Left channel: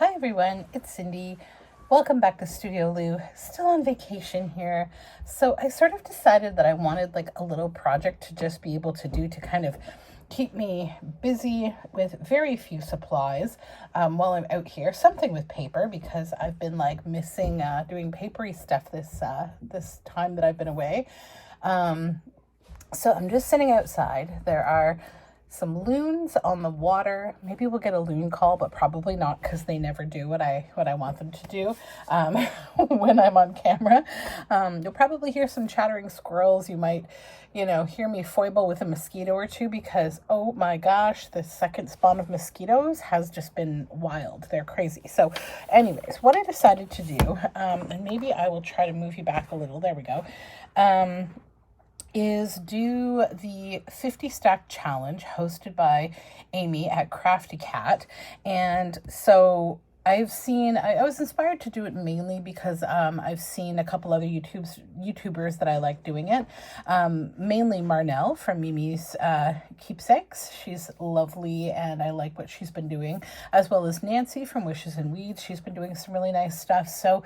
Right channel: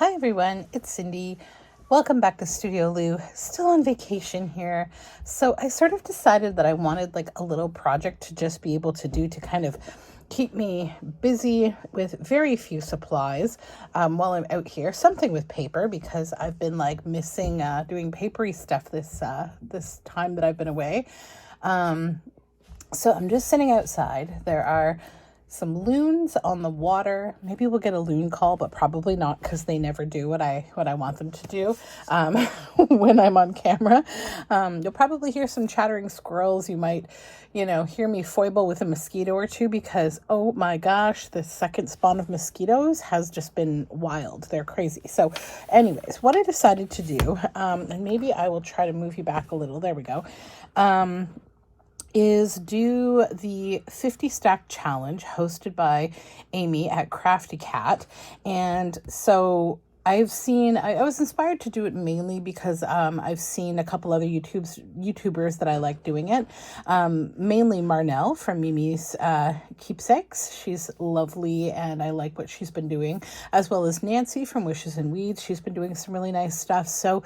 Hi everyone, it's Cindy. Welcome back to Studio Lou. Still on vacation here. So I sort of decided that I wanted like a little project to just be able to do to kind of keep me busy with very few supplies while I'm out here. Something with paper because I've been like missing doing papery stuff this time that I've been away. So I'm just sitting outside. There are some loons on the water. Maybe we'll get a loon call, but probably not because they never do what I want them to do when I'm on camera. You'll probably hear some chattering squirrels. You might, hear me foible with a mosquito or two because, oh my gosh, the second spawn of mosquitoes has just been wild. They're crazy. So anyways, what I decided to do, and maybe I will try to move you back a little. There we go. Is do the 50 stack challenge hosted by Amy at Crafty Cat. And so I was inspired to do it mainly because I've seen a couple other YouTubers that I like doing it. Mainly Marnell from Mimi's Keepsakes. She's lovely and I like what she's been doing, as well as Nancy from Wishes and Weeds. She's been doing some really nice stuff. So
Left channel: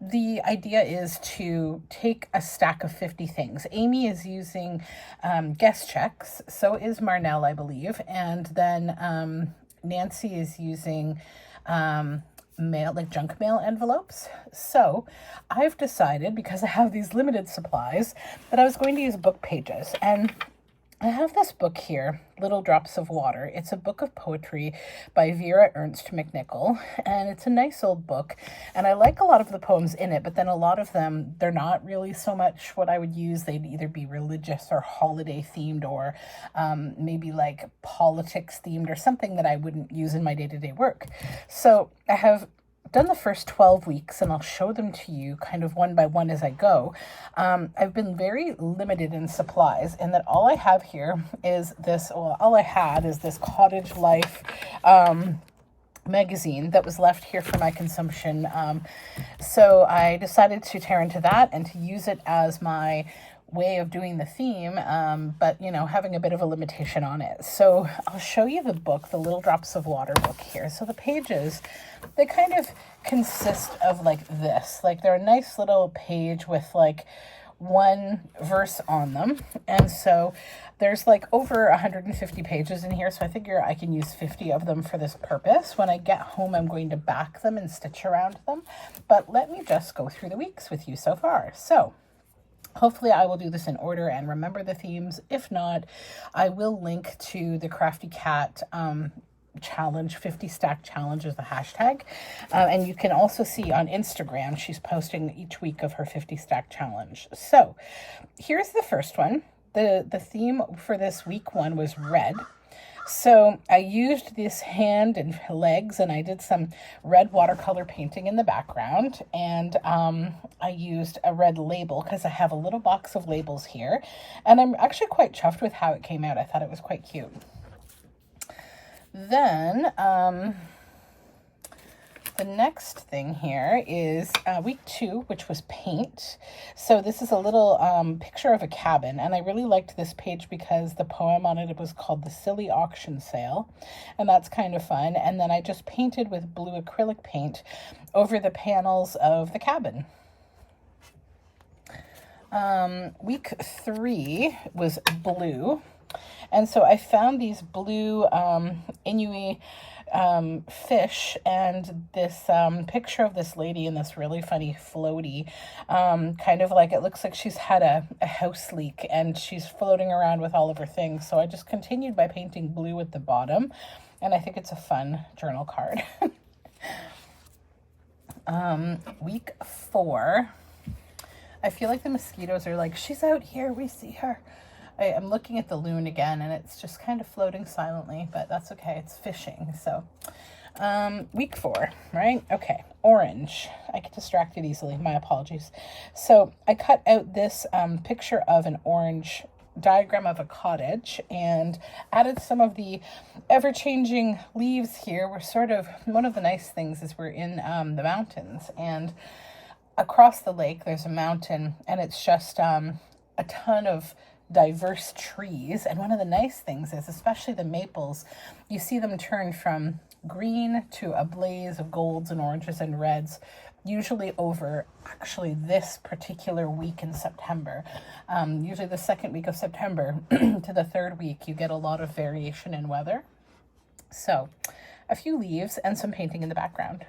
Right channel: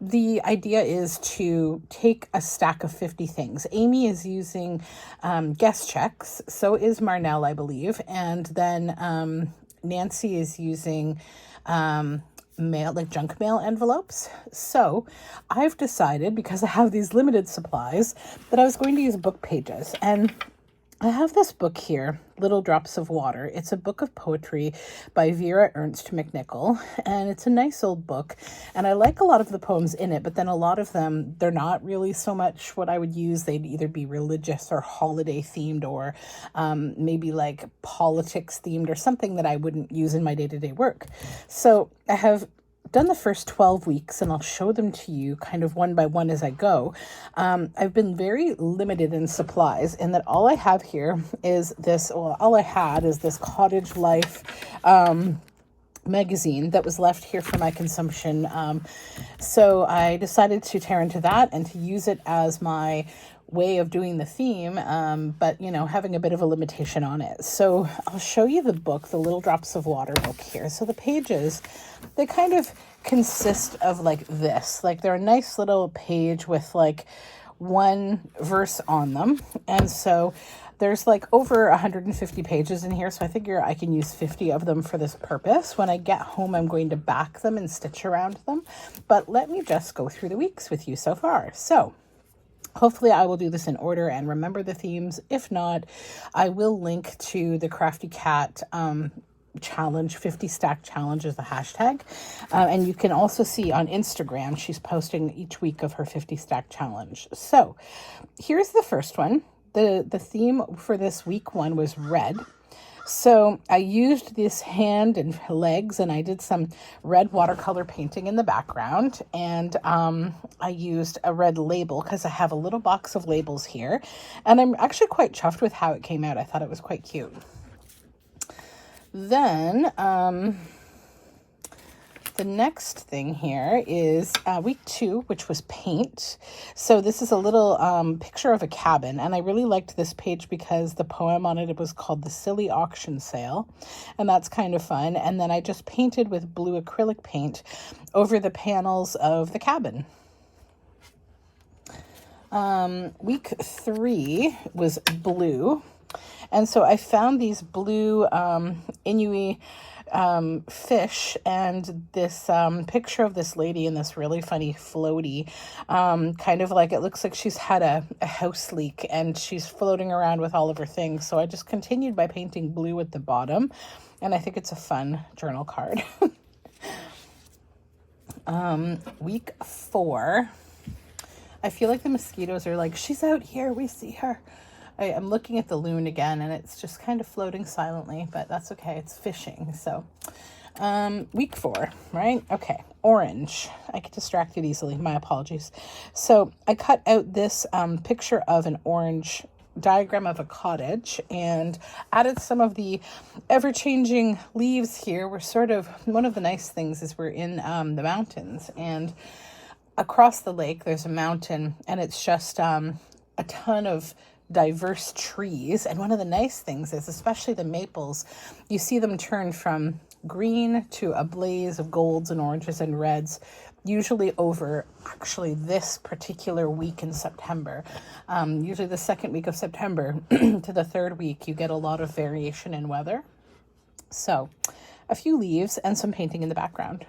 the idea is to take a stack of 50 things. Amy is using guest checks, so is Marnell, I believe, and then Nancy is using junk mail envelopes. So I've decided, because I have these limited supplies, that I was going to use book pages. And I have this book here, Little Drops of Water. It's a book of poetry by Vera Ernst McNichol, and it's a nice old book, and I like a lot of the poems in it, but then a lot of them, they're not really so much what I would use. They'd either be religious or holiday themed, or maybe like politics themed, or something that I wouldn't use in my day-to-day work. So I have done the first 12 weeks and I'll show them to you kind of one by one as I go. I've been very limited in supplies in that all I have here is this, well, all I had is this Cottage Life magazine that was left here for my consumption. So I decided to tear into that and to use it as my way of doing the theme, but having a bit of a limitation on it. So I'll show you the book, the Little Drops of Water book here. So the pages, they kind of consist of like this, like they're a nice little page with like one verse on them. And so there's like over 150 pages in here. So I figure I can use 50 of them for this purpose. When I get home, I'm going to back them and stitch around them. But let me just go through the weeks with you so far. So hopefully I will do this in order and remember the themes. If not, I will link to the Crafty Cat challenge, 50 stack challenge is the hashtag. And you can also see on Instagram, she's posting each week of her 50 stack challenge. So here's the first one. The theme for this week one was red. So I used this hand and legs, and I did some red watercolor painting in the background, and I used a red label because I have a little box of labels here, and I'm actually quite chuffed with how it came out. I thought it was quite cute. Then the next thing here is week 2, which was paint. So this is a little picture of a cabin, and I really liked this page because the poem on it was called The Silly Auction Sale, and that's kind of fun. And then I just painted with blue acrylic paint over the panels of the cabin. Week 3 was blue, and so I found these blue Inuit fish and this picture of this lady in this really funny floaty, kind of like it looks like she's had a house leak and she's floating around with all of her things. So I just continued by painting blue at the bottom, and I think it's a fun journal card. Week 4, I feel like the mosquitoes are like, she's out here, we see her. I'm looking at the loon again, and it's just kind of floating silently, but that's okay. It's fishing. So week 4, right? Okay. Orange. I get distracted easily. My apologies. So I cut out this picture of an orange diagram of a cottage and added some of the ever-changing leaves here. We're sort of, one of the nice things is we're in the mountains, and across the lake there's a mountain, and it's just a ton of diverse trees. And one of the nice things is, especially the maples, you see them turn from green to a blaze of golds and oranges and reds, usually over actually this particular week in September. Usually the second week of September to the third week, you get a lot of variation in weather. So a few leaves and some painting in the background.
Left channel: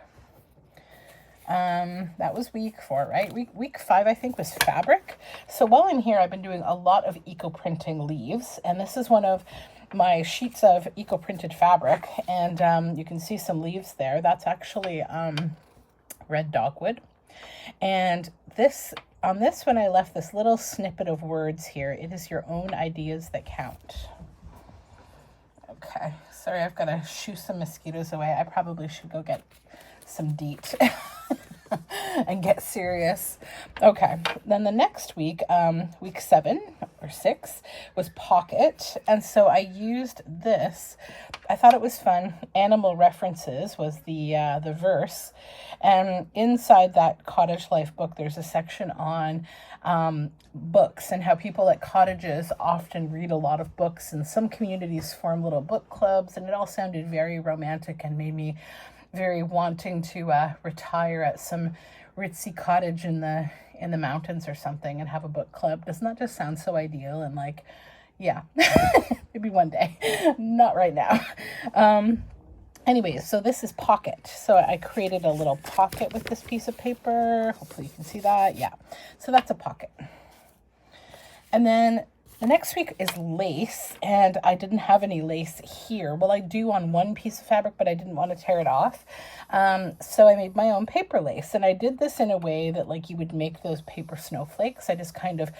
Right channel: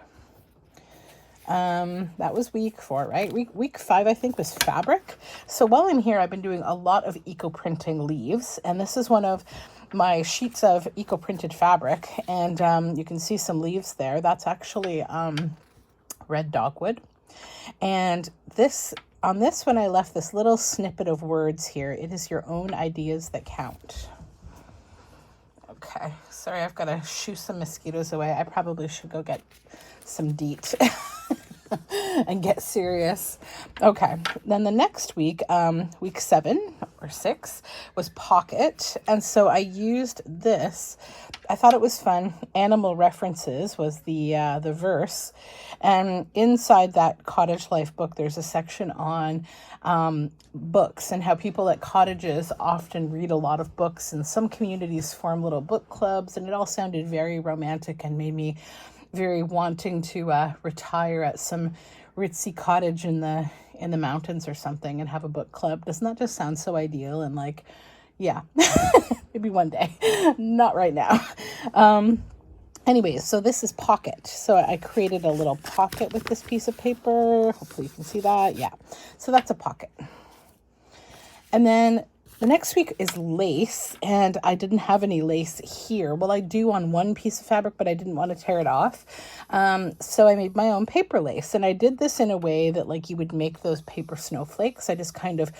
That was week 4, right? Week 5, I think, was fabric. So while I'm here, I've been doing a lot of eco-printing leaves, and this is one of my sheets of eco-printed fabric, and you can see some leaves there. That's actually red dogwood. And on this one, I left this little snippet of words here. It is your own ideas that count. Okay, sorry, I've got to shoo some mosquitoes away. I probably should go get some DEET and get serious. Okay, then the next week, week 7 or 6 was pocket, and so I used this. I thought it was fun. Animal references was the verse, and inside that cottage life book, there's a section on books and how people at cottages often read a lot of books, and some communities form little book clubs, and it all sounded very romantic and made me very wanting to retire at some ritzy cottage in the mountains or something and have a book club. Doesn't that just sound so ideal? And like, yeah, maybe one day, not right now. Anyways, so this is pocket. So I created a little pocket with this piece of paper. Hopefully you can see that. Yeah, so that's a pocket. And then the next week is lace, and I didn't have any lace here. Well, I do on one piece of fabric, but I didn't want to tear it off. So I made my own paper lace, and I did this in a way that like you would make those paper snowflakes. I just kind of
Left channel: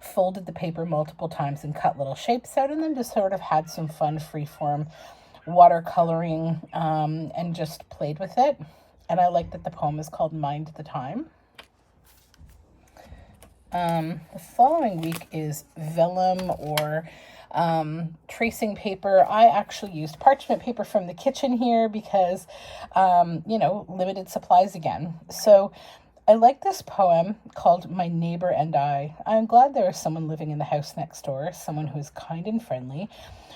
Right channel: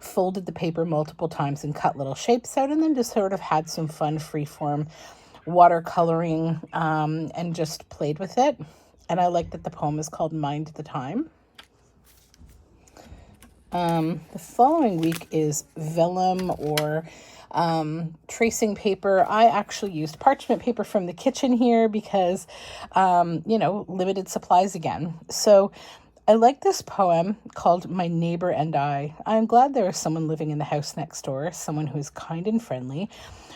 folded the paper multiple times and cut little shapes out, and then just sort of had some fun freeform watercoloring and just played with it. And I like that the poem is called Mind the Time. The following week is vellum or tracing paper. I actually used parchment paper from the kitchen here because, you know, limited supplies again. So I like this poem called My Neighbor and I. I'm glad there is someone living in the house next door, someone who is kind and friendly.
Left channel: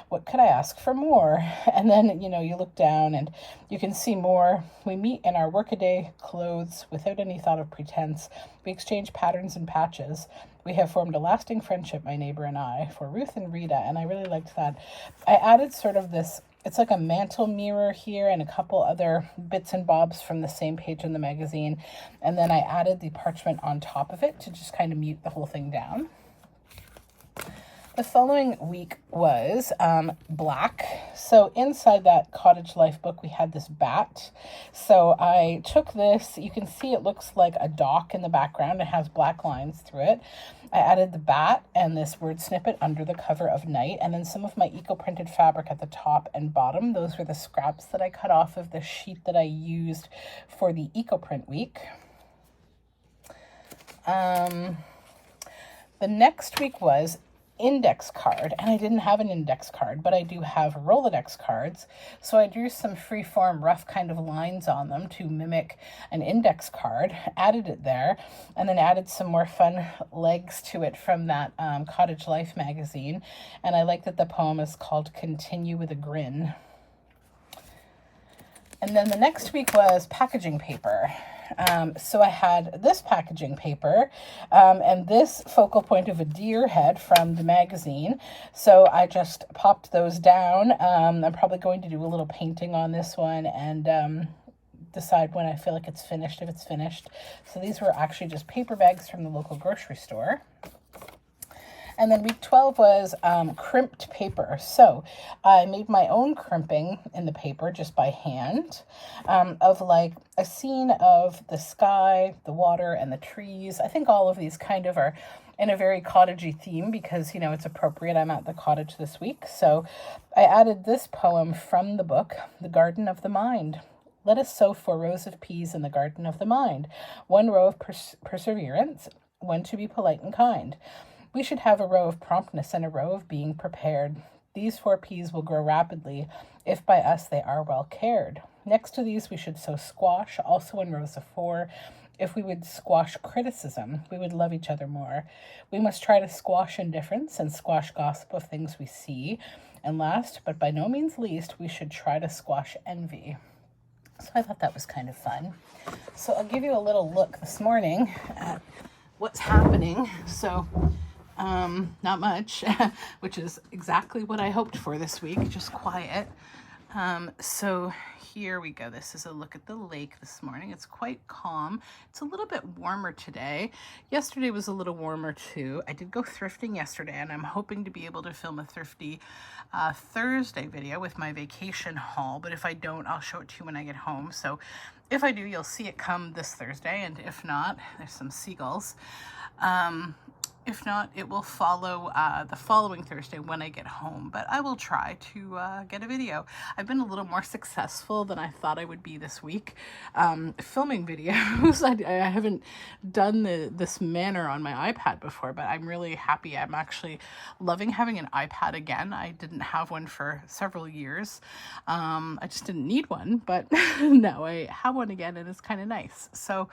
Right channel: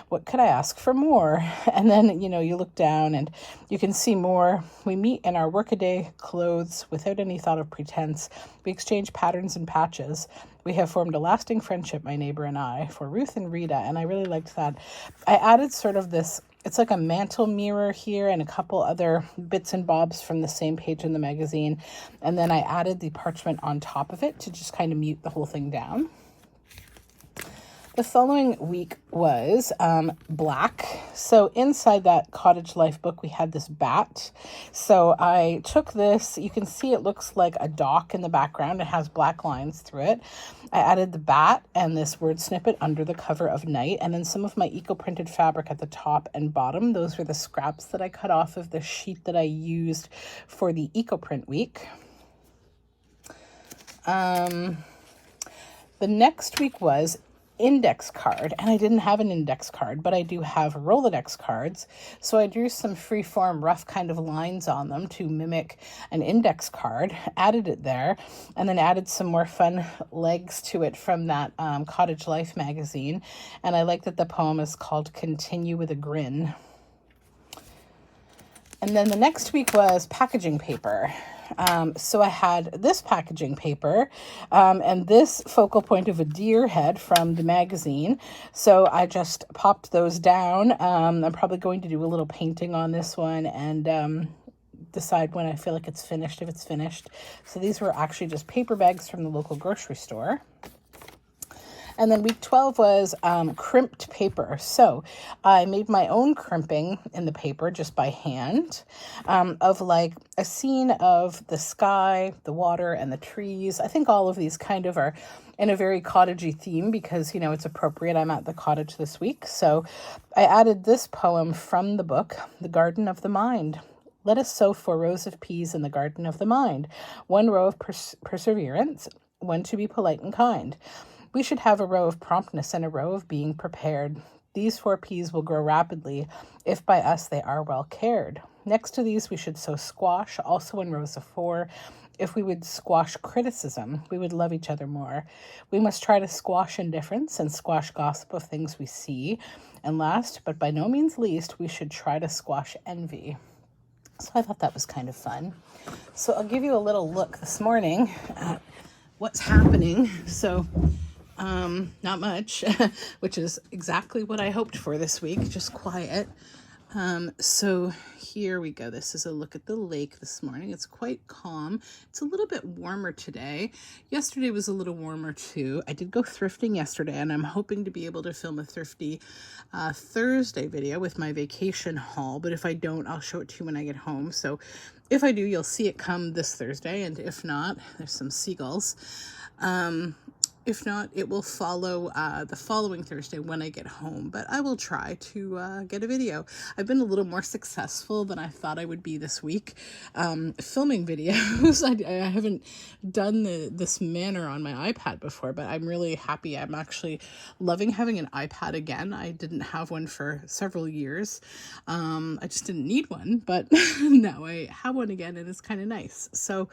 What could I ask for more? And then, you know, you look down and you can see more. We meet in our workaday clothes without any thought of pretense. We exchange patterns and patches. We have formed a lasting friendship, my neighbor and I, for Ruth and Rita. And I really liked that. I added sort of this, it's like a mantle mirror here and a couple other bits and bobs from the same page in the magazine. And then I added the parchment on top of it to just kind of mute the whole thing down. The following week was black. So inside that cottage life book, we had this bat. So I took this, you can see it looks like a dock in the background. It has black lines through it. I added the bat and this word snippet under the cover of night, and then some of my eco-printed fabric at the top and bottom. Those were the scraps that I cut off of the sheet that I used for the eco-print week. The next week was index card, and I didn't have an index card, but I do have Rolodex cards. So I drew some freeform rough kind of lines on them to mimic an index card, added it there, and then added some more fun legs to it from that Cottage Life magazine. And I like that the poem is called Continue with a Grin. And then the next week was packaging paper. So I had this packaging paper and this focal point of a deer head from the magazine. So I just popped those down. I'm probably going to do a little painting on this one and decide when I feel like it's finished, if it's finished. So these were actually just paper bags from the local grocery store. And then week 12 was crimped paper. So I made my own crimping in the paper just by hand of like a scene of the sky, the water, and the trees. I think all of these kind of are in a very cottagey theme because, you know, it's appropriate. I'm at the cottage this week. So I added this poem from the book, The Garden of the Mind. Let us sow 4 rows of peas in the garden of the mind. 1 row of perseverance, 1 to be polite and kind. We should have a row of promptness and a row of being prepared. These 4 peas will grow rapidly if by us they are well cared. Next to these, we should sow squash, also in rows of 4. If we would squash criticism, we would love each other more. We must try to squash indifference and squash gossip of things we see. And last, but by no means least, we should try to squash envy. So I thought that was kind of fun. So I'll give you a little look this morning at what's happening. So not much, which is exactly what I hoped for this week, just quiet. So here we go. This is a look at the lake this morning. It's quite calm. It's a little bit warmer today. Yesterday was a little warmer too. I did go thrifting yesterday, and I'm hoping to be able to film a thrifty Thursday video with my vacation haul. But if I don't, I'll show it to you when I get home. So if I do, you'll see it come this Thursday. And if not, there's some seagulls. If not, it will follow the following Thursday when I get home, but I will try to get a video. I've been a little more successful than I thought I would be this week filming videos. I haven't done this manner on my iPad before, but I'm really happy. I'm actually loving having an iPad again. I didn't have one for several years. I just didn't need one, but now I have one again, and it's kind of nice. So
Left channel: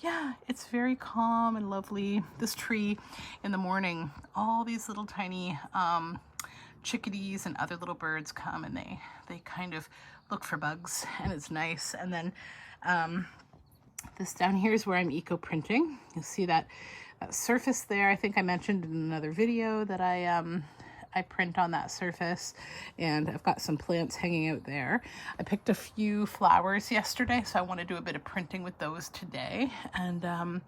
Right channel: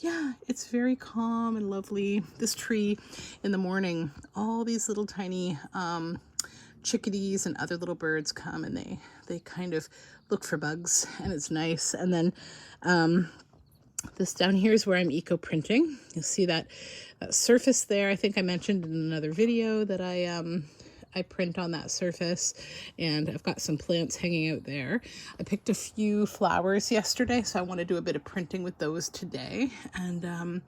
yeah, it's very calm and lovely. This tree in the morning, all these little tiny chickadees and other little birds come, and they kind of look for bugs, and it's nice. And then this down here is where I'm eco printing. You'll see that surface there. I think I mentioned in another video that I print on that surface, and I've got some plants hanging out there. I picked a few flowers yesterday, so I want to do a bit of printing with those today. And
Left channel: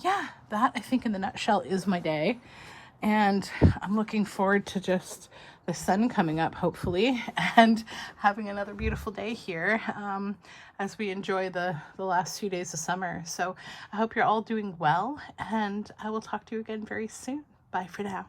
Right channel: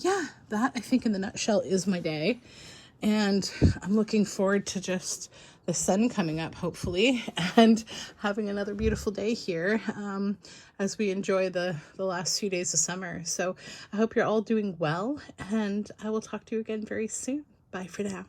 yeah, that I think in the nutshell is my day. And I'm looking forward to just the sun coming up, hopefully, and having another beautiful day here as we enjoy the last few days of summer. So I hope you're all doing well, and I will talk to you again very soon. Bye for now.